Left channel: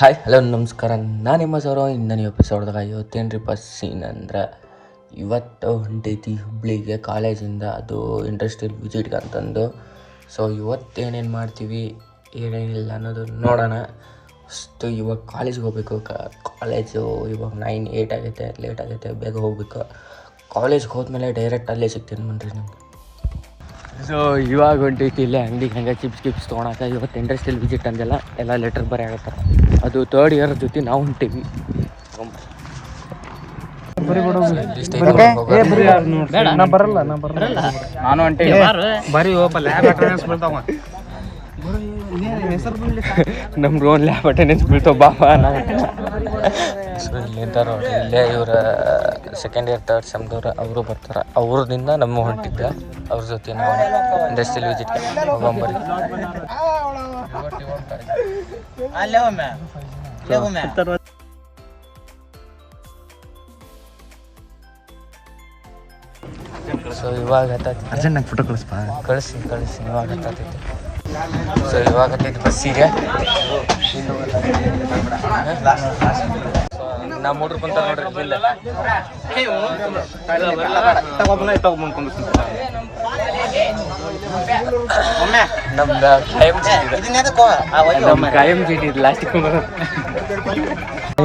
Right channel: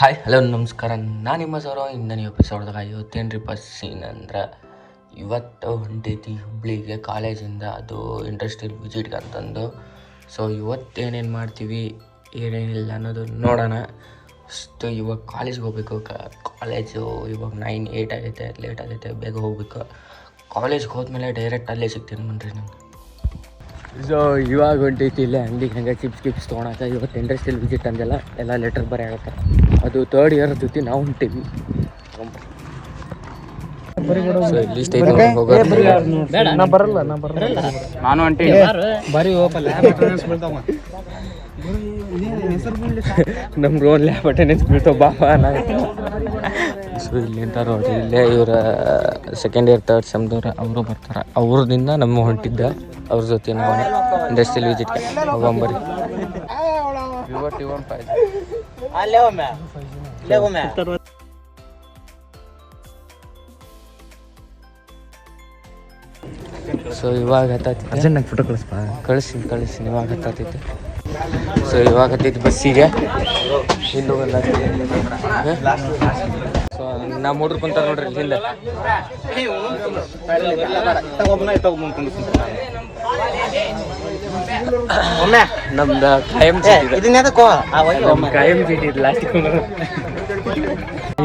Hi hello ನಮಸ್ಕಾರ. ನಾನು ನಿಮ್ಮ ಸೌರ. ಇನ್ನನೇ ಎಪಿಸೋಡ್ದಾಗ ಇವತ್ತೇನ್ರಿಪ್ಪ ಸೀನ್ ಅಂದ್ರೆ ಇವತ್ತು ಹೊಂಟೈತಿ ಹುಬ್ಳಿಗೆ ಕಾಲೇಜಿಂದ, ಅದು ಇಂಡಸ್ಟ್ರಿಯಲ್ ವಿಸಿಟ್ಗೆ ಅಂತಂದು. ಸೊ ಇವತ್ತೇನೇನು ಮಾಡ್ತೀವಿ ಏನೇನಿಲ್ಲ ಅನ್ನೋದು ನೋಡೋಣ. ಫಸ್ಟು ಇವಾಗ ಕಾಲೇಜ್ಗೆ ಹೋಗ್ಬೇಕು. ಕಾಲೇಜು ಇವಾಗ 9-8 ಆಗೈತೆ, ಲೇಟ್ ಆಗೈತೆ, ಬೇಗ ಹೋಗ್ಬೇಕು. ಕಾಲೇಜ್ಗೆ ಹೋದ್ಮೇಲೆ ಡೈರೆಕ್ಟ್ ಅಲ್ಲೇ ಸಿಗ್ತೀನಿ ಬನ್ನಿರಿ ನಿಮ್ಗೆ. ಸೊ ಇವಾಗ ಹೊಂಟೈತಿ ಇಲ್ಲೇ ಅಂಗಡಿಗೆ ಹಂಗೆ ಚಿಪ್ಸ್ ತೊಗೊಳಕ್ಕೆ. ಇವತ್ತು ಇಂಡಸ್ಟ್ರಿಯಲ್ ವಿಸಿಟ್ ಅಂದೆಲ್ಲ ಎಲ್ಲ ಲೆಟರ್ ಬರೀ ಆಗತ್ತಾರೆ. ಅದು 3rd ಇಯರ್ ಜೊತೆ ನಾವು ಹೊಂಟೀವಿ. ನಮ್ಗೆ ಓನ್ ಲ್ಯಾಬ್ ಅಟೆಂಡೆನ್ಸ್ ಬೀಳ್ತಾವ ಬಾಬಾ. ಸೊ ಇಲ್ಲಿ ಅಂತ ನೋಡ್ರಿ, ಇಲ್ಲೇ ಇವರ 2nd ಇಯರ್ 3rd ಸೆಮ್ದವ್ರು ಅವರು ಬರ್ತಾರೆ. ಅವ್ರದಿಂದ ನಮ್ಮ ಹೊಂಟಿದ್ದ ಅವ್ರ ಜೊತೆ ನಾವು ಇಂಡಸ್ಟ್ರಿಯಲ್ ವಿಸಿಟ್ಗೆ ಹೋಗಂಬರಿ. ಸೊ ಇವಾಗ ಅರ್ಜೆಂಟ್ ಫೋಟೋ ಕಳಿಸಿ ಇವಾಗ ಹತ್ತೈತಿ. ಸೊ ಇವಾಗ ಹತ್ತೈತಿ ಬಸ್ಸಿಗೆ. ಸೊ ನಾ ಮೂಡ್ರು ಕುಂತಾರ ನೋಡ್ರಿ ಇಲ್ಲ. ನಮ್ದು ಕಾಯಂ ಚೀಟಿ ಇದು ಲಾಸ್ಟಿಗೆ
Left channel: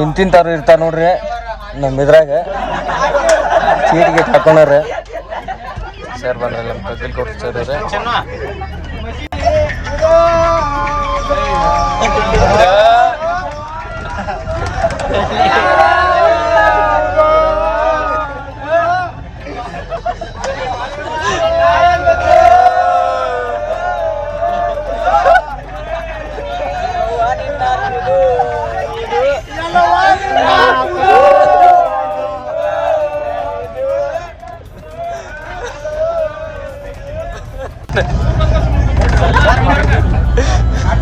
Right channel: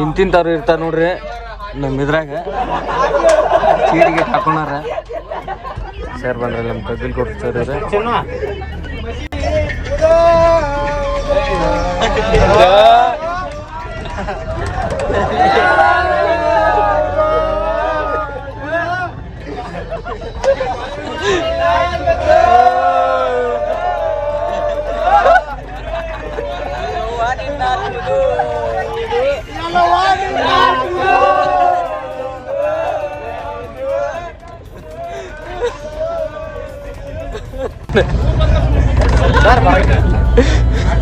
ಇಂತಿಂತಾರು ಇರ್ತಾರ ನೋಡ್ರಿ ನಮ್ಮ ಇದ್ರಾಗ ಚೀಟಿಗೆ ತಕೊಂಡ್ರ. ಸರ್ ಬಂದ್ರೆ ನಮ್ಮ ಕಗ್ಗಿಲ್ ಕೊಡ್ತಾರೆ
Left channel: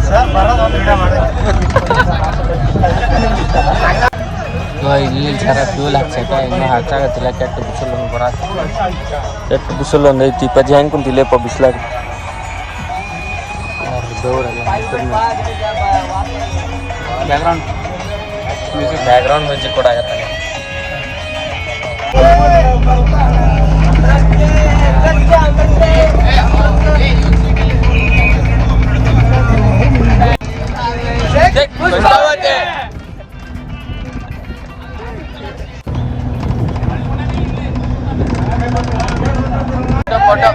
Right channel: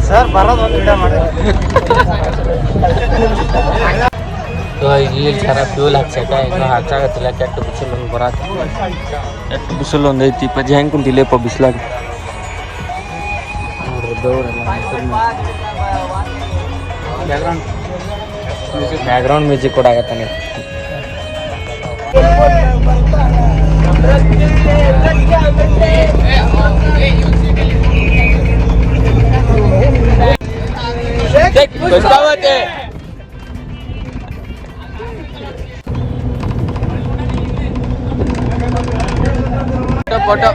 ಸರ್ ಬರೋದು ಇಲ್ಲಿ ಸರ ಫ್ಯೂಲ್ ಹಾಕ್ಸಕ ಇನ್ನೂ ಹಾಕಾಗತ್ತಿಲ್ಲ. ಕೆಟ್ಟ ಬಿಸಿಲು ಒಂದು ಕೆಟ್ಟ ಬಿಸಿಲು ಒಂದು ಐತಿ. ಪಜ್ಜಿ ಹೆಂಗೆ ಕುಂತಿಲ್ಲಪ್ಪ ಬಿಸಿಲಾಗ ನೋಡ್ರಿ. ಬೆವರೆಲ್ಲ ಬ್ಯಾಕ್ಗ್ರೌಂಡ್ ಮ್ಯೂಸಿಕ್ ಕೂಡ ಆಗತ್ತಾನೆ. ಫೋಟೋ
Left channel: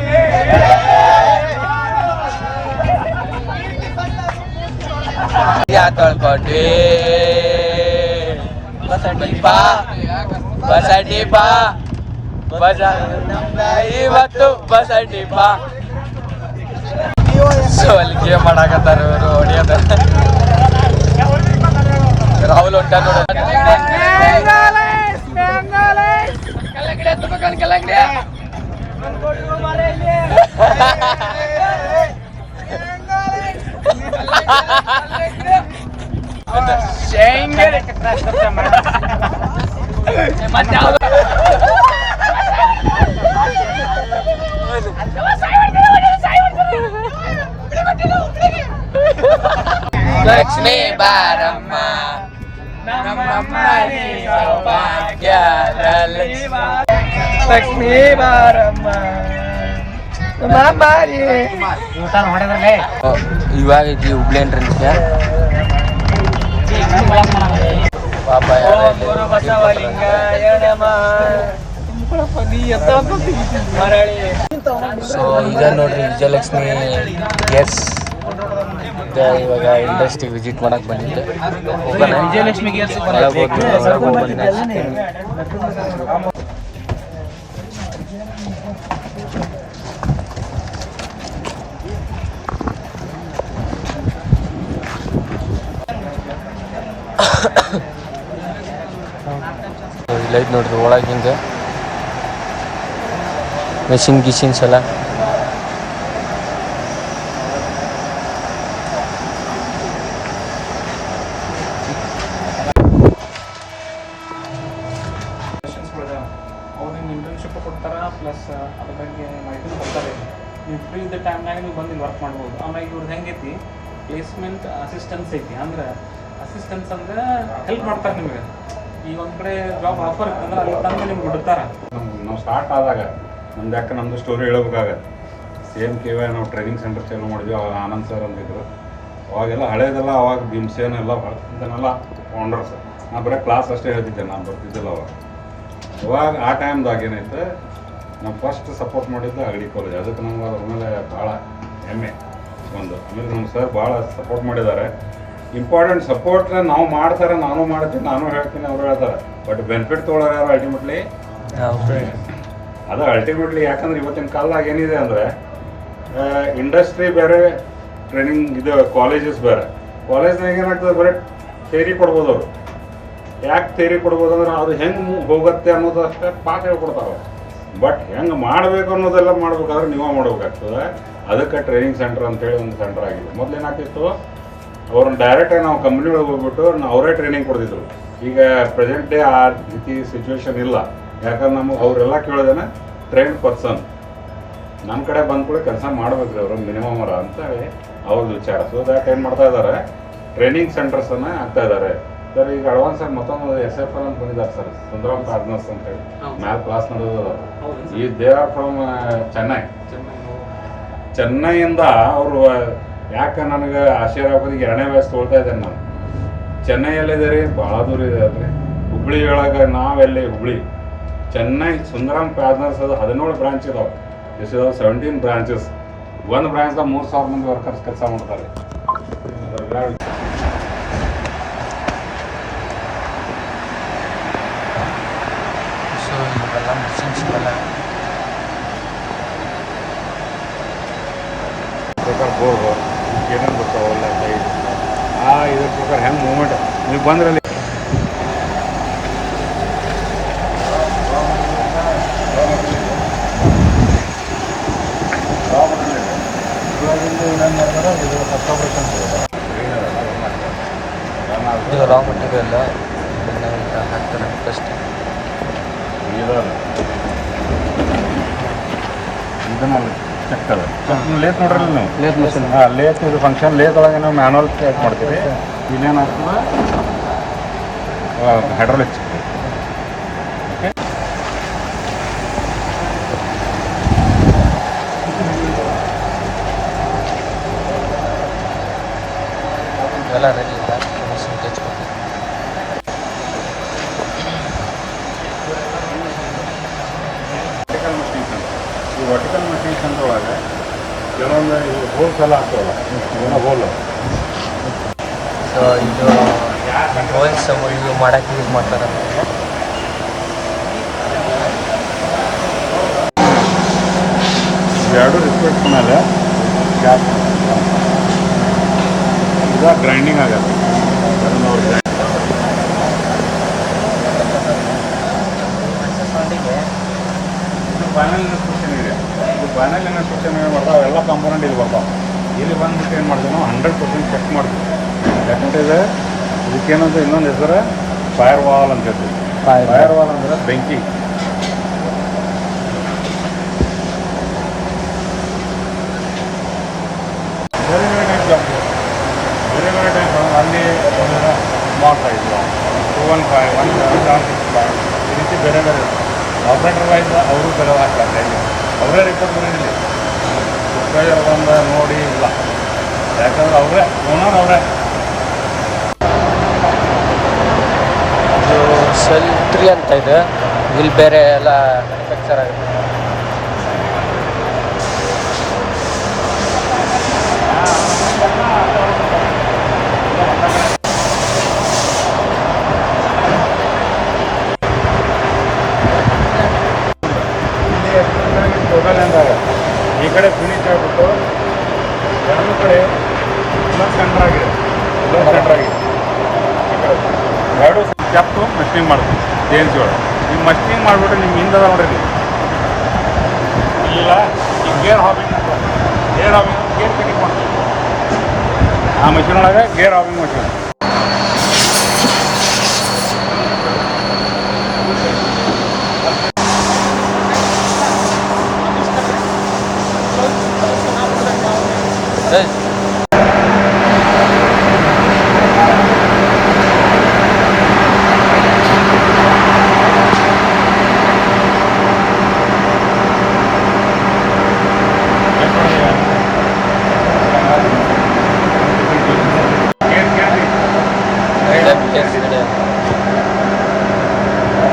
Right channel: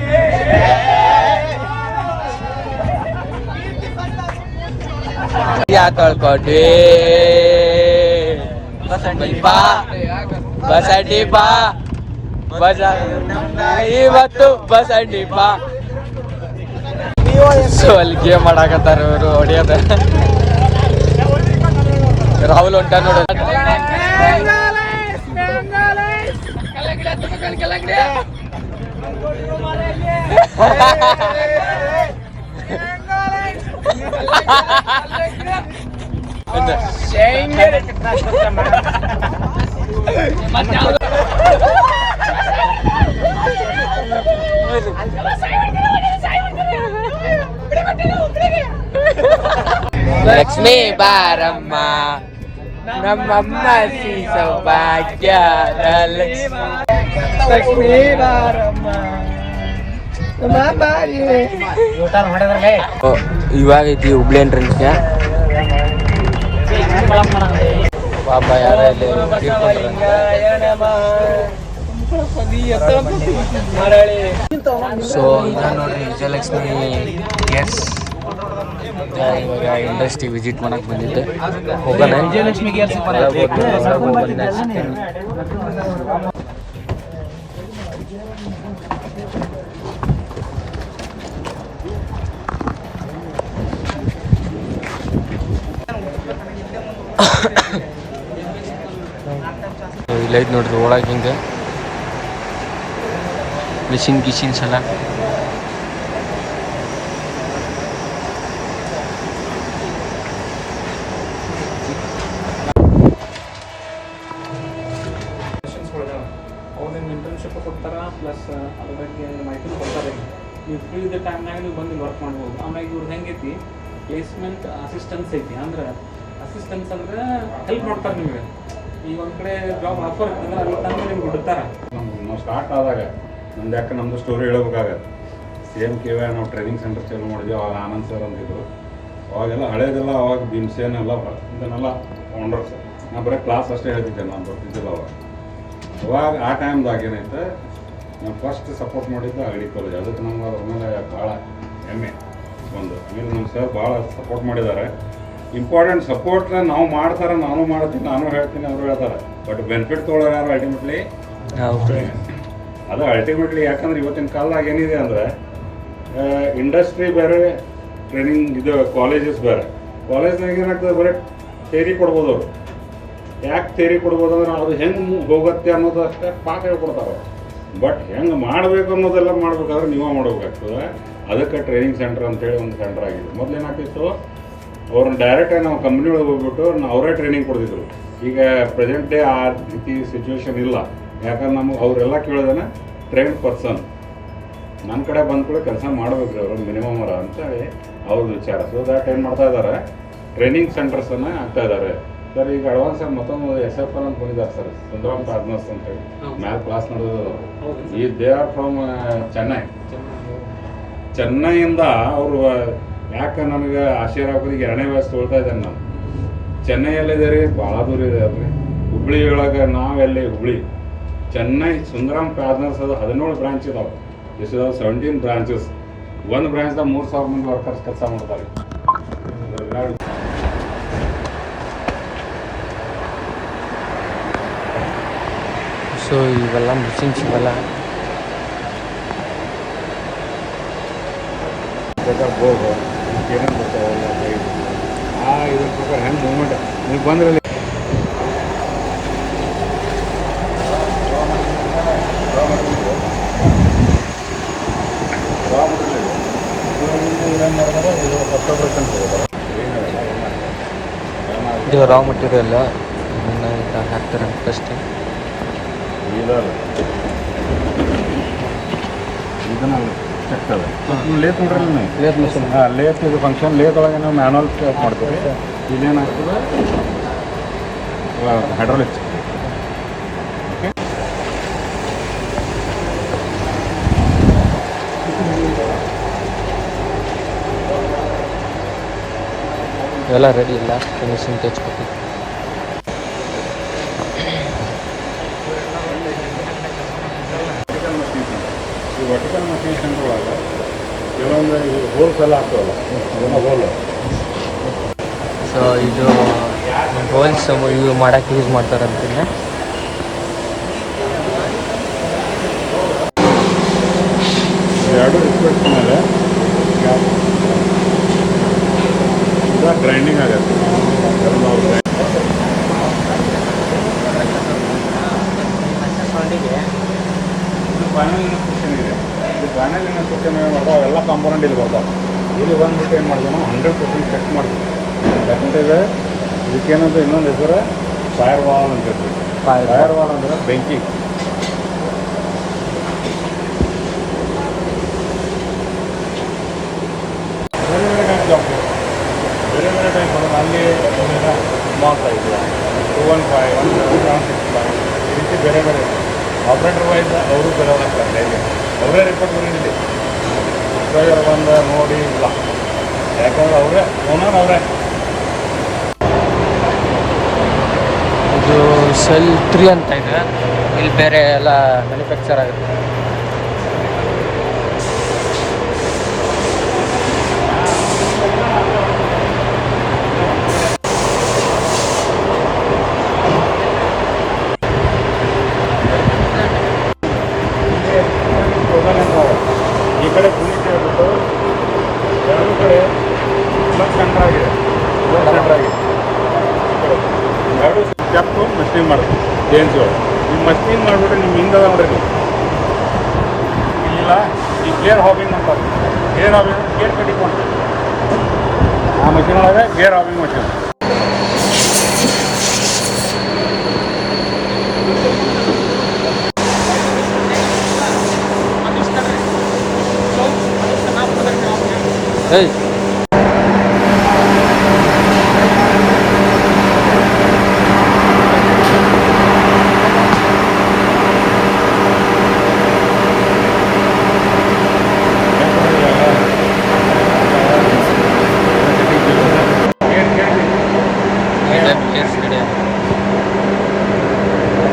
ತೊಳ್ಕೊಟ್ವಿ ಬಾ ಬಸಡ್ಡಿ ಬಾ ಇವತ್ತು ಬಸಡ್ಡಿ ಬಾ. ಸೊ ಅಲ್ಲಿ ಗೇಮ್ ಮಾಡಾಕತ್ತಾರ ಇವರು ಹೊಡಿಯೋದ. ರಾಹುಲ್ ಹೊಂಟ ನೋಡ. ಲಕ್ಷ್ಮೀ ಬಾರಮ್ಮ ನಮ್ಮಮ್ಮ ಸೌಭಾಗ್ಯ. ಲಕ್ಷ್ಮೀ ಬಾರಮ್ಮ ಇವಾಗ ಐತಿ ಹುಬ್ಳಿ ಎಂಟ್ರೆನ್ಸ್ಗೆ. ಸೊ ಈಗ ನೋಡ್ರಿ ವಿಜಯಲಕ್ಷ್ಮಿ ಎಸ್ ಇವಾಗ ಇಂಡಸ್ಟ್ರಿ ವಿಸಿಟ್ ಮಾಡಕ್ ಬಂದಿದ್ದೆ. ವಿಜಯಲಕ್ಷ್ಮಿ ಲೈಟ್ ನೋಡ್ರಿ ಒಳಗೆ ಹಿಂಗೆ ಗಿಶಿನ್ಸ್ ಎಲ್ಲ. ಇಂಟರ್ನ್ಶಿಪ್ ಕೊಡ್ತಾರ ಪ್ಲಸ್ ಅದ್ರ ಬಗ್ಗೆ ಮಾಹಿತಿ ಕೊಡ್ತಾರೆ. ನೀವು ಫ್ರೀ ಇದ್ದ ಟೈಮ್ನಾಗ ನೀವು ಬಂದು ವರ್ಕ್ ಮಾಡ್ಬೋದು. ಆಮೇಲೆ ಇವ್ರದ್ದು ಹೆಂಗೈತಿ ಪ್ಲೇಸ್ಮೆಂಟ್ ಅಸಿಸ್ಟೆನ್ಸ್ ಐತಿ. ಅಂದ್ರೆ ಅಸಿಸ್ಟೆನ್ಸ್ ಅಂದರೆ ಹೆಲ್ಪ್ ಮಾಡ್ತಾರೆ ನಿಮಗೆ. ಈಗ ಒಂದು ಕಡೆ ಜಾಬ್ ಆಫರ್ ಇರ್ತಂದ್ರೆ ಅಲ್ಲಿ ತಂದು ನಿಮ್ಗೆ ಬಿಡ್ತಾರೆ. ನಾವು ಸ್ಟಾರ್ಟ್ ಆದಾಗ ನಮ್ದು ಯಾಕೆ ನಮ್ಮದು ಸ್ಟೋರಿ ಹೇಳ್ಬೇಕಾಗತ್ತೆ. ಸೇಮ್ KY ನಾವು ಟ್ರೈನಿಂಗ್ ಸೆಂಟರ್ ಚಾಲೂ ಮಾಡಿದ್ವಿ. ಅವಾಗ ಆನಂದ್ ಸರ್ ಅಂತಿದ್ರು. ಅವಾಗೆಲ್ಲ ಹಳೇದೆಲ್ಲ ಅವಾಗ ಭೀಮ್ಸೇನ್ ಎಲ್ಲ ಇದನ್ನೆಲ್ಲ ಫೌಂಡರ್ಸ್. ನಾನು ಬರೀ ಕ್ಲಾಸ್ ಅಷ್ಟೇ ಹೇಳ್ತಿದ್ದೆ, ನಾನು ಬರ್ತಿದ್ದಿಲ್ಲ ಅವಾಗ ಆ ಟೈಮ್ದಾಗ ಏನೈತೆ ನಾವು ಫಸ್ಟ್ ಸಪೋರ್ಟ್ ಮಾಡಿದ್ದು ಅಗಡಿ ಕಾಲೇಜ್. ಅದಕ್ಕೆ ನಮ್ಗೆ ಅದ್ರ ಮೇಲೆ ಭಾಳ ಹೆಮ್ಮೆ ಒಂದು. ಆಮೇಲೆ ನಮ್ಮ ಸರ್ ಭಾಳ ಸಪೋರ್ಟ್ ಮಾಡಿದ್ದಾರೆ. ಇಂಪಾರ್ಟೆಂಟ್ ಸಪೋರ್ಟ್ನ ನಾವು ಮಾಡ್ತಾರೆ, ನಾನು ಮಾಡ್ತೀನಿ, ನಾನು ಹೇಳ್ತೀನಿ, ಅವರು ಹೇಳ್ತಾರೆ. ಬಟ್ ಬೆನಿಫಿಟ್ ತೊಗೊಳ್ಳೋರು ಯಾರು ಅಲ್ಟಿಮೇಟ್ಲಿ ಅದು ಅಲ್ಟಿಮೇಟ್ಲಿ. ಯಾಕಂದ್ರೆ ಇವತ್ತಿನ ಕಾಲದಾಗ ಏನಿದೆ ಅಂದರೆ ಇಂಡಸ್ಟ್ರಿ ಬೇರೆ, ಟ್ರೈನಿಂಗ್ ಇದು ಕಾಲೇಜಸ್ ಬೇರೆ. ಕಾಲೇಜ್ನಾಗ ಏನಾಗ್ತದೆ ಬರೀ ಥೇರಿ ಕೊಡ್ಬೋದು ಅವರು. ಯಾಕೆ ಥೇರಿ ಕೊಡ್ಬೋದು ಅಂದ್ರೆ ಅದು ಹೆಂಗೆ ಹೋಗುತ್ತೆ ಅನ್ನೋದು ಅಷ್ಟೇ ಪಾಠ ಹೇಳ್ಕೊಡ್ತಾರೆ. ಬಟ್ ಹೆಂಗೆ ಮಾಡಬೇಕು ಅನ್ನೋದೆಲ್ಲ ಮಾಡ್ಬೇಕಾದ್ರೆ ನೀವೇ ಮಾಡ್ಬೇಕಾಗ್ತದೆ. ಅದಕ್ಕೆ ಟ್ರೈನಿಂಗ್ ಸೆಂಟರ್ ಅಂತೇಳಿ ಒಂದು ಸೆಂಟರ್ ಆಗಿದೆ. ಮೊದಲು ಏನಾಗ್ತಿತ್ತು, ಅವ್ರನ್ನ ಡೈರೆಕ್ಟಾಗಿ ನಾವು ಕಂಪ್ನಿ ಒಳಗೆ ಹೋಗ್ಬಿಟ್ಟು ಅವರೇ ಟ್ರೈನಿಂಗ್ ಕೊಡ್ತಿದ್ರು. ಈಗ ಪ್ರೆಸೆಂಟ್ ಡೇ ಆ ರೀತಿ ಸಿಚುವೇಶನ್ ಇಲ್ಲ. ಯಾಕಂದ್ರೆ ನಮಗೆ ಅವರೆಲ್ಲ ಕೇಳೋದೇನೆ ಟ್ರೈನ್ಡ್ ಪರ್ಸನ್ ನನ್ನ ಕಡೆ ಬಂದ ಕೂಡ ಕೆಲಸ ಮಾಡ್ಬೇಕು ರೀ ಅವರು ಮಿನಿಮಮ್ ಅಂತೇಳಿ ಅವ್ರದ್ದು ವಿಚಾರ. ಸೊ ದ್ಯಾಟ್ ಏನು ಮಾಡ್ತಾ ಇದ್ದಾರೆ, ಟ್ರೈನಿಂಗ್ ಸೆಂಟರ್ಸನ್ನು ಆಗ್ತಾ ಇದ್ದಾರೆ. ಸರ್ ಈಗ ಅಡ್ವಾನ್ಸ್ ಆಗಿ ಮತ್ತೊಂದು SFL ಅಂತ ಬಂದಿದ್ದಾರೆ ಸರ್, ಸುಂದರಂ ಪಾರ್ಟ್ನರ್ಸ್ ಅಂತೇಳಿ. ಮ್ಯಾಲೆ ಕ್ಲಾಸ್ ನಡೆಯೋದು. ಈ ದೇ ಆರ್ ಫ್ರಮ್ ಚೆನ್ನೈಯಿಂದ ಅವರು. ಯಾಕೆ ನನಗೆ ಆಶ್ಚರ್ಯ ಆಗೋದಿಗೆ 2ನೇ ವಯಸ್ಸು ತೊಳ್ತಾ ಇದ್ದೇನೆ ನಾನು. ಚೆನ್ನೈಯಲ್ಲಿದೆ ರೀ, ಭಾಳ ದೂರ ಇದೆ ಅಲ್ರಿ. ಹುಬ್ಳಿ ಒಳಗೆ ನಾವೆಲ್ಲಿ ಹುಬ್ಳಿ ಚೆನ್ನೈ ಸುಂದರಂ ಪಾರ್ಟ್ನರ್ಸ್ ಅದು 17 ಬ್ರಾಂಚ್ ಇದಾವೆ. This is 17 branches. ಒಂದು ಬ್ರಾಂಚ್ದಾಗ 3000 ಮಂದಿ ವರ್ಕರ್ಸ್ ಕೆಲಸ ಮಾಡ್ತಾರೆ. ಸೊ ಇವೆಲ್ಲ ಮಿಷಿನ್ಸ್ ಇವೆಲ್ಲ ಹೋಗೋ ಏನೇನು ಬರ್ತಾವಲ್ಲ ಇದ್ರ ಪ್ರಕಾರ ಹೆಂಗೆ ಮೂಮೆಂಟ್ ನೀವು ಬಂದ್ರಲ್ಲಿ ಇದು ರಾ ಮಟೀರಿಯಲ್ ಹಾಕ್ತಾರೆ ಅಷ್ಟೇ. ಇದನ್ನಲ್ಲಿ ಚೆಕ್ತವೆ ಲೇತ್ ನೋಡ್ರಿ ನೀವು. ಲೇತ್ ಮಿಷಿನ್ ಲೇತ್ ಇದು ಫಂಕ್ಷನ್. ಲೇತ್ ಒಳಗೆ ನಾವು ಮ್ಯಾನುವಲ್ ಚೆಕ್ ಮಾಡ್ತೀವಿ. ಇಲ್ಲೇನಾಗ್ತದೆ ಹೈಡ್ರಾಲಿಕ್. ಓಕೆ, ಇವೆಲ್ಲ ರೆಡಿ ಇಲ್ಲ, ಮಿಷಿನ್ ತೆಚ್ಕೊಟ್ಟು. ಈ ವರ್ಟಿಕಲ್ ಮಷೀನ್ ಸೆಂಟರ್ ಒಳಗೆ ಕೆಲವೊಂದು ಹೋಲ್ಸ್ ಎಲ್ಲ ಆಗ್ತಾವಲ್ಲ, ಹೋಲ್ ಇದು ಹೋಲ್ಸ್ ಇವು ಮಾಡೋಕ್ಕೆ ಯೂಸ್ ಮಾಡ್ತಾರಂತೆ. ಎರಡು ರಿಸ್ಪೆಕ್ಟ್ ಮೇಲೆ ಈಗ ಗ್ರೈಂಡಿಂಗ್ ಆಗುತ್ತೆ. ಫೈನಲ್ ಇನ್ಸ್ಟ್ರಕ್ಷನ್ ಇದೆ. ಇದು ಫೈನಲ್ ಇನ್ಸ್ಟ್ರಕ್ಷನ್ ಏನು ಮಾಡ್ತಾವೆ, ಅವೆಲ್ಲ ಕಾಂಪೋನೆಂಟ್ ಇಲ್ಲಿ ಬರ್ತಾವೆ. ಇಲ್ಲಿ ಬಂದ್ಬಿಟ್ಟು ಏನು ಮಾಡ್ತೀವಿ ನಾವು 100% ಚೆಕ್ ಮಾಡ್ತೀವಿ. ಯಾಕಂತಂದರೆ ಇದಕ್ಕೇನಂತ ಇನ್ನೊಂದು ಹೆಸರು ಫೈರ್ ವಾಲ್ ಅಂತ ಹೇಳ್ತೀವಿ. ಫೈರ್ ವಾಲ್ ಅಂದರೆ ಬೆಂಕಿ. ಬೇರೆ ಬೇರೆ ಟೈಪ್ ಜಾಬ್, ಬೇರೆ ಬೇರೆ ಟೈಪ್. ಅಲ್ಲಿ ಸ್ಮಾಲ್ ಸೈಜ್ 215, 1765 ಈ ರೀತಿ ಬೇರೆ ಬೇರೆ ಆಪ್ರೇಟರ್ ವೈಸ್ ಅವರು ಕೆಲವು ಹಾಕ್ತಾರೆ. ಇಲ್ಲಿ ಅವರೇ ರಿಪೋರ್ಟ್ ಬಂದಿಲ್ಲ, ಒಂದು ನೋಡಿ ಇಲ್ಲ. ಯಾಕಂದ್ರೆ ಅವರೇ ಓನರ್ ಅವರೇ. ಇದು ಸೆಲ್ 3 ಅಂತ ಇದೆ. ಇಲ್ಲಿ ಬೇರೆ ಎಲ್ಲ ಮ್ಯಾನುಫ್ಯಾಕ್ಚರ್ ಆಗುತ್ತೆ. ಈ ಕಡೆ ಫಿನಿಶ್ ಆಗಿಬಿಟ್ಟು ಎರಡು ಕಡೆ ಇನ್ನೊಂದು ಸೆಂಟ್ರ್ ಆಗಿದೆ, ಇನ್ನೊಂದು ಸೆಂಟ್ರ್ ಆಗಿದೆ. ಈ ಕಡೆ ಎರಡು ಸ್ಟೆಪ್ಪು ಮಷಿನ್ ಮಾಡ್ತೀವಿ CNC ಒಳಗೆ. ನೀವು ಮಷಿನ್ ಮಾಡಿಬಿಟ್ರೆ ನಿಮ್ಮ ಹಿಂದೆ ನೋಡ್ರಿ ಇಲ್ಲ ಈ ಗೇರ್ ಹಾಬಿಂಗ್ ಅಂತ. ಗೇರ್ ಹಾಬಿಂಗ್ ಗೇರ್ ತೆಗಿಕೊಂಡು ಆ ಮಷಿನ್ ಒಳಗೆ gear hobbing machine.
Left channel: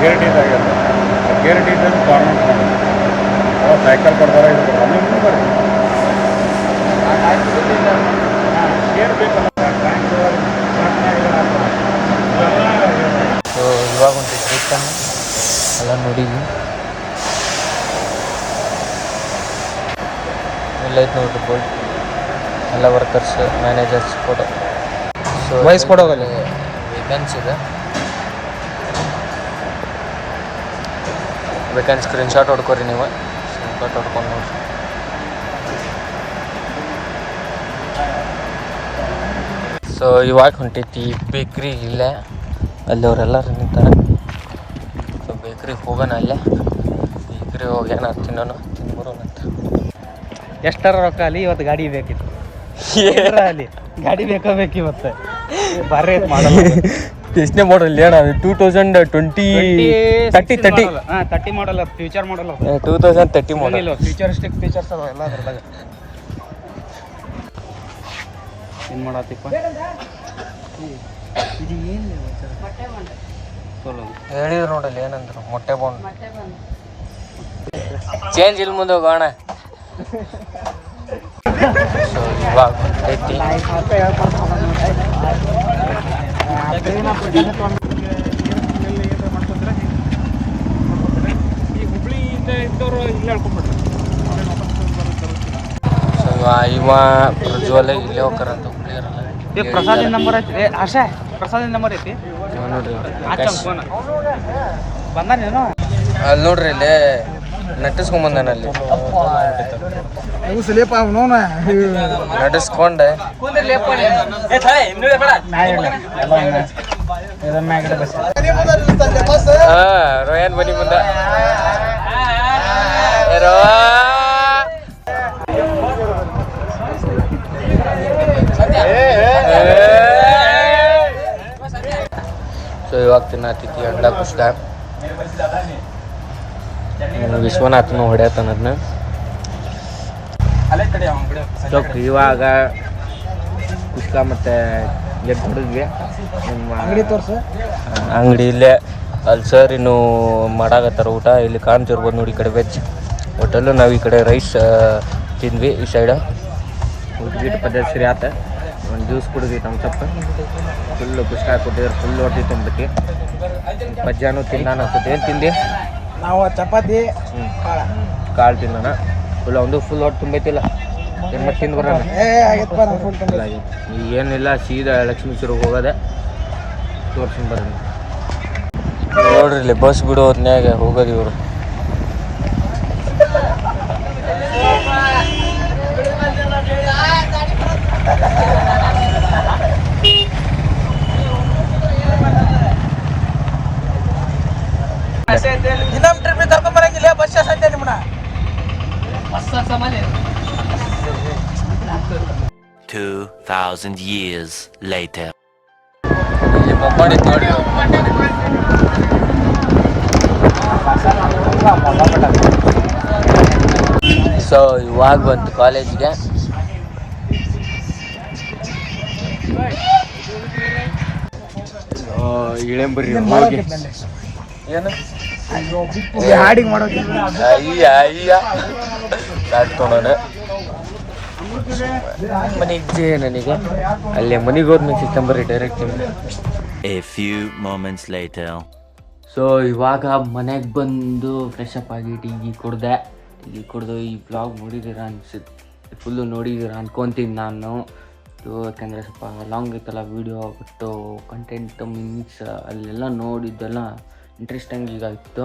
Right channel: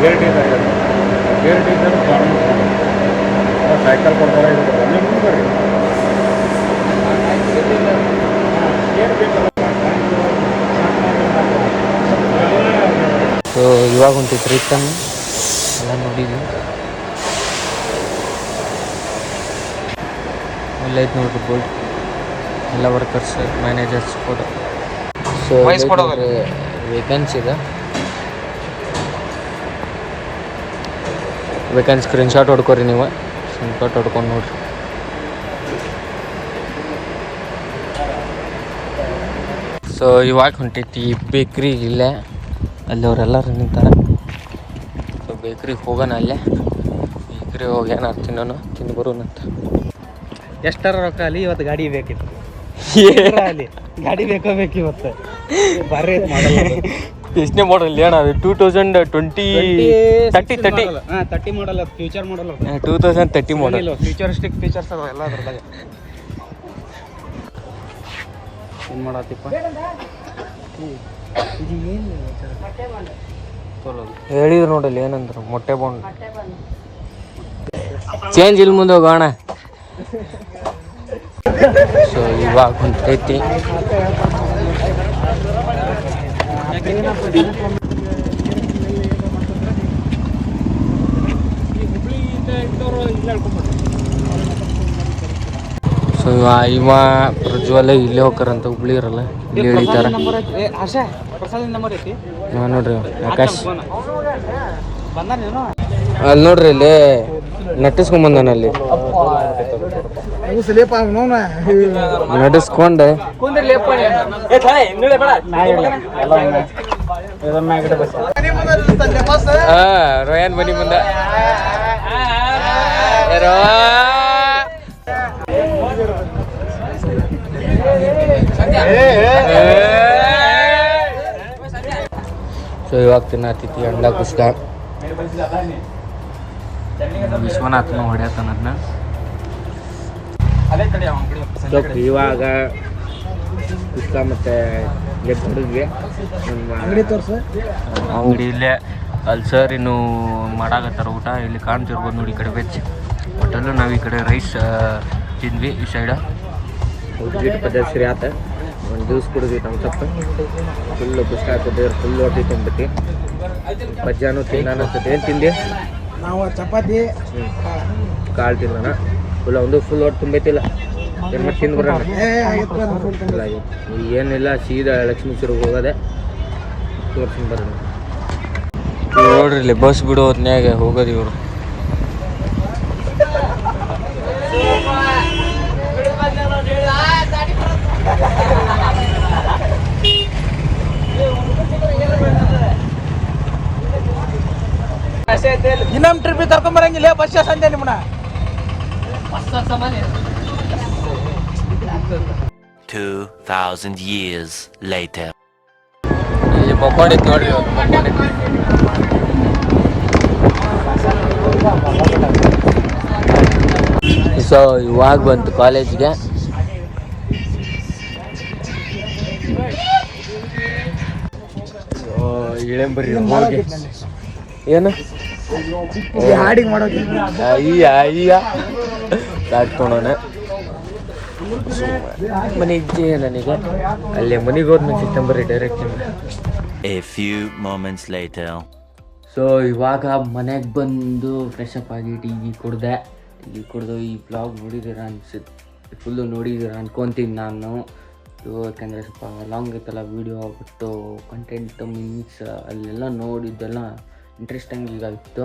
Care teacher government cycle ಕೊಡ್ತಾರೆ ಇದು ಕೊಡ್ತಾರೆ ನೀವು ಮುಂದೆ ಬರ್ರಿ ಕೇರ್ ಬೇಕಲ್ಲ ಸೊ ಇವಾಗ ಹೊಂಟಿತ್ತು ರಿಟರ್ನ್ ಎಲ್ಲ ನೋಡಿದ್ವಿ ಎಲ್ಲ ಐತೆ ನೋಡ್ರಿ ಬೋಲ್ಟ್ ಎಲ್ಲ ವರ್ಕರ್ಸ್ ಮ್ಯಾನೇಜರ್ಸ್ ಕೂಡ ಸೊ ವೇಕೆನ್ಸಿ ಇದೆ ವೇಕೆನ್ಸಿ ಸ್ಕ್ರೀನ್ಶಾಟ್ ಹೊಡ್ಕೊರಿ ನೀವು ಸ್ಕ್ರೀನ್ಶಾಟ್ ಹೊಡ್ಕೊಂಡು ನೋಡ್ರಿ ಸೊ ಇವಾಗ ಹೊಂಟೈತಿ ಬೇಕ್ರಿ ಇಲ್ಲೇ ಅಲ್ಲಿ ಅವರೆಲ್ಲರೂ ನಿಂತಾರೆ ಸೊ ಬೇಕ್ರಿಗೆ ಹೋಗೋಣ ಅಲ್ಲೇ ಬೇಕ್ರಿ ಹೋಗಿ ಏನಾರು ತಿನ್ನೋಣ ತಿನ್ಬರೋಣಂತ ಎಷ್ಟರ ರೊಕ್ಕ ಅಲ್ಲಿ ಇವತ್ತು ಗಾಡಿ ಬೇಕಿತ್ತು ಅಲ್ಲಿ ಗಾಡಿ ಬೇಕಬೇಕು ಇವತ್ತು ಬರ್ರಿ ಮಾಡಲ್ಲ ಎಷ್ಟನೇ ಮಾಡಲ್ ಏನ ಅದು 30 ಮಾಡಲ್ಲ ಫ್ಯೂಚರ್ ಮಾಡಲ್ಲ 2030 ಮಾಡಲ್ ಫ್ಯೂಚರಿಸ್ಟಿಕ್ ಫೀಚರ್ಸ್ ಎಲ್ಲ ಅದ್ರದಾಗ ಏನು ಮಾಡತ್ತಿಪ್ಪ ಇದು ಏನು ಹೇಳಿದ್ರು ನೋಡಲ್ಲಿ ಏನಂದ್ರು ಮೊಟ್ಟೆ ಬಾಂಡ್ ಚೇಂಜ್ ಇಲ್ಲಿ ಮುಂದೆ ಹೋಗೋಣ ಸೊ ಇವಾಗ ಹೊಂಟೈತಿ ಸೊ ಇವ ಪ್ರಜ್ವಲ ಇಲ್ಲೇ ಹೋಗ್ತಾರಂತ ಹುಬ್ಳಿ ಇರಲ್ಲ ಪ್ರಸಾದ್ ನಂಬರ್ ಐತಿ ನೋಡ್ರಿ ಆಕಾಶ್ ಬಂದಾನೇನು ಅಲ್ಲಿ ನೋಡ್ರಿ ಇಲ್ಲಿ ನಟಿಸ್ಕೊಂಬಂದಾನ ಅಲ್ಲಿ ನಟಿಸ್ಕೊಂಡು ರೋಯನ್ ಬನ್ನಿ ಬಂದ ಸೊ ಇವಾಗ ತಿನ್ನತ್ತಿತಿ ಅಂಡ್ಲ ಕುಸ್ಕ ವಿಶ್ವನಾಥ್ನು ಹೊಡ್ಯಾತಾನ ಅದನ್ನ ಸೊ ಇವಾಗ ಕುಸ್ಕ ಮತ್ತು ಎಗ್ ಹೊಡಿದ್ವಿ ನಿಮ್ಮ ಅಂಗಡಿ ಇಲ್ಲೇ ಅಲ್ಲಿ ಸರ್ ಇನ್ನು ಮಾಡಾಕತ್ತಾರ ಊಟ ಇಲ್ಲಿ ಕಾಣ್ತಿರ್ಬೋದು ನೋಡಿ ಈ ಕಡೆ ವೆಜ್ ಹೋಟೆಲು ನಾವು ಈ ಕಡೆ ರೈಸ್ ತಿಂದ್ವಿ ಈ ಸೈಡ ಊಟ ಪದ್ಧತಿ ಸರಿ ಆತ ಒಂದು ಜ್ಯೂಸ್ ಕುಡಿದ್ವಿ ನಮ್ಮ ತಪ್ಪ ಫುಲ್ಲು ಕುಸ್ಕ ಕೊಟ್ಟಿದ್ರೆ ಫುಲ್ ಹೊಟ್ಟಿ ತುಂಬೈತಿ ಪಜ್ಜಾನು ತಿನ್ನಾನ ಅನ್ಸುತ್ತೆ ಏನು ತಿಂದಿ ನಾವು ಚಪಾತಿ ಕಾಳು ತಿನ್ನೋಣ ಫುಲ್ ಒಂದು ಫುಲ್ ಹೊಟ್ಟೆ ತುಂಬೈತಿಲ್ಲ ಏನು ಮತ್ತೆ ತಿಂದು ಬರೋಣ ಅಲ್ಲ ಏನಿಲ್ಲ ಸೀದಾ ಲಕ್ಷ್ಮೀಶ್ವರಿಗೆ ಹೋಗೋದೆ ತೋರ್ಸ್ಕೊಂಡು ಬರೋಣ ನೋಡ್ರಿ ಇಲ್ಲಿ ಬಸ್ ಬಿಡೋ ಹೊತ್ನ್ಯಾಗ ಹೋಗೋದು ಇವರು ಇನ್ನೊಂದು ಟ್ರಿಪ್ ಕರ್ಕೊಂಬರಂಗಿಲ್ಲ ಬಸ್ ಸಂತೆ ನಿಮ್ಮನ್ನ 2000 years later. ಇಲ್ಲಿ ಮಕ್ಕೊಂಡಿತ್ತು ನೋಡ್ರಿ ಸೊ ಇವಾಗ ಬಂತು ಕಾಲೇಜ್ಗೆ ಇಳೆಂಬರ್ರಿ ಹೋಗಿ ಏನು ಹಾಡಿಗೆ ಮಾಡೋದು ಅಯ್ಯ ಕಾಡ್ಕೊಂಡೋಣ ಮನೆಗೆ ನನಗೆ ಅಲ್ಲೇ ಮನೆಗೆ ಹೋದ್ಮೇಲೆ ಸಿಕ್ತಂಬರ್ರಿ direct A few moments later. So ಇವಾಗ ಮನೆಗೆ ಬಂದು ಫ್ರೆಶ್ ಅಪ್ ಆಗಿ ಟೀ ಕುಡ್ದು ಈ ಬ್ಲಾಗ್ ನೋಡಿದ್ದೀರಾ ಅನ್ಸುತ್ತೆ ಫುಲ್ಲು ನೋಡಿದ್ದೀರಾ ಅನ್ಕೊತೀನಿ ನಾನು ಯಾಕಂದರೆ ಸ್ವಲ್ಪ ಲಾಂಗ್ ಇತ್ತಲ್ಲ ವೀಡಿಯೋ ಬಿಟ್ಟು ಕಂಟೆಂಟ್ ಮೀನ್ಸ್ ಅಲ್ಲೆಲ್ಲ ನೋಡಿದ್ದೆಲ್ಲ ಇಂಟ್ರೆಸ್ಟಿಂಗ್ ಈಗ ಇತ್ತು.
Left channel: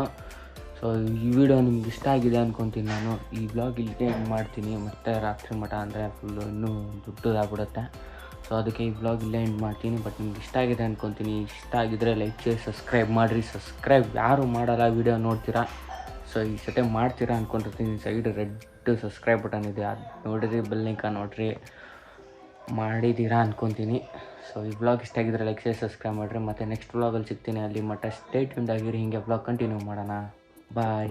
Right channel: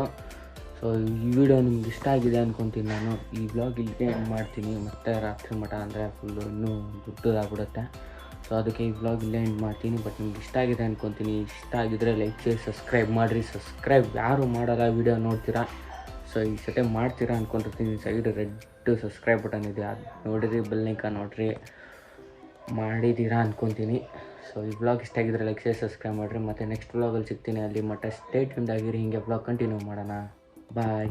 ಸೊ ಈ ವಿಡಿಯೋ ನಿಮ್ಗೆ ಇಷ್ಟ ಆಗಿದೆ ಅನ್ಕೊತೀನಿ ನಾನು. ಈ ಬ್ಲಾಗ್ ಇಲ್ಲೇ ಎಂಡ್ ಮಾಡ್ತೀನಿ, ಮತ್ತು ರಾತ್ರಿ ಮಠ ಅಂದರೆ ಫುಲ್ಲು ಇನ್ನೂ ದೊಡ್ಡದಾಗ್ಬಿಡುತ್ತೆ. ಸೊ ಅದಕ್ಕೆ ಈ ಬ್ಲಾಗ್ ಇಲ್ಲೇ ಎಂಡ್ ಮಾಡ್ತೀನಿ. ಬಟ್ ನಿಮ್ಗೆ ಇಷ್ಟ ಆಗಿದೆ ಅನ್ಕೊತೀನಿ. ಇಷ್ಟ ಆಗಿದ್ರೆ ಲೈಕ್ ಮಾಡಿ ಸಬ್ಸ್ಕ್ರೈಬ್ ಮಾಡಿರಿ. ಸಬ್ಸ್ಕ್ರೈಬ್ ಯಾರು ಮಾಡಲ್ಲ, ವಿಡಿಯೋ ನೋಡ್ತೀರಾ, ಸೊ ಈ ಸಟೆ ಮಾಡ್ತೀರಾ ಅಂದ್ಕೊಂಡಿರ್ತೀನಿ. ಸೈಡ್ ರೆಡ್ ಸಬ್ಸ್ಕ್ರೈಬ್ ಬಟನ್ ಇದೆ, ಅದು ನೋಡಿರಿ, ಬೆಲ್ ಐಕಾನ್ ನೋಡಿರಿ, ಮಾಡಿದ್ದೀರಾ ಅಂದ್ಕೊತೀನಿ. ಸೊ ಈ ಬ್ಲಾಗ್ ಇಷ್ಟ ಆಗಿದ್ರೆ ಲೈಕ್ ಮಾಡಿ ಸಬ್ಸ್ಕ್ರೈಬ್ ಮಾಡಿರಿ. ಮತ್ತು ನೆಕ್ಸ್ಟ್ ಬ್ಲಾಗಲ್ಲಿ ಸಿಗ್ತೀನಿ. ಅಲ್ಲಿ ಮಟ್ಟ ಸ್ಟೇ ಟ್ಯೂನ್ಡ್ ಆಗಿರಿ. ಹೀಗೆ ಬ್ಲಾಗ್ ಕಂಟಿನ್ಯೂ ಮಾಡೋಣ. ಬಾಯ್.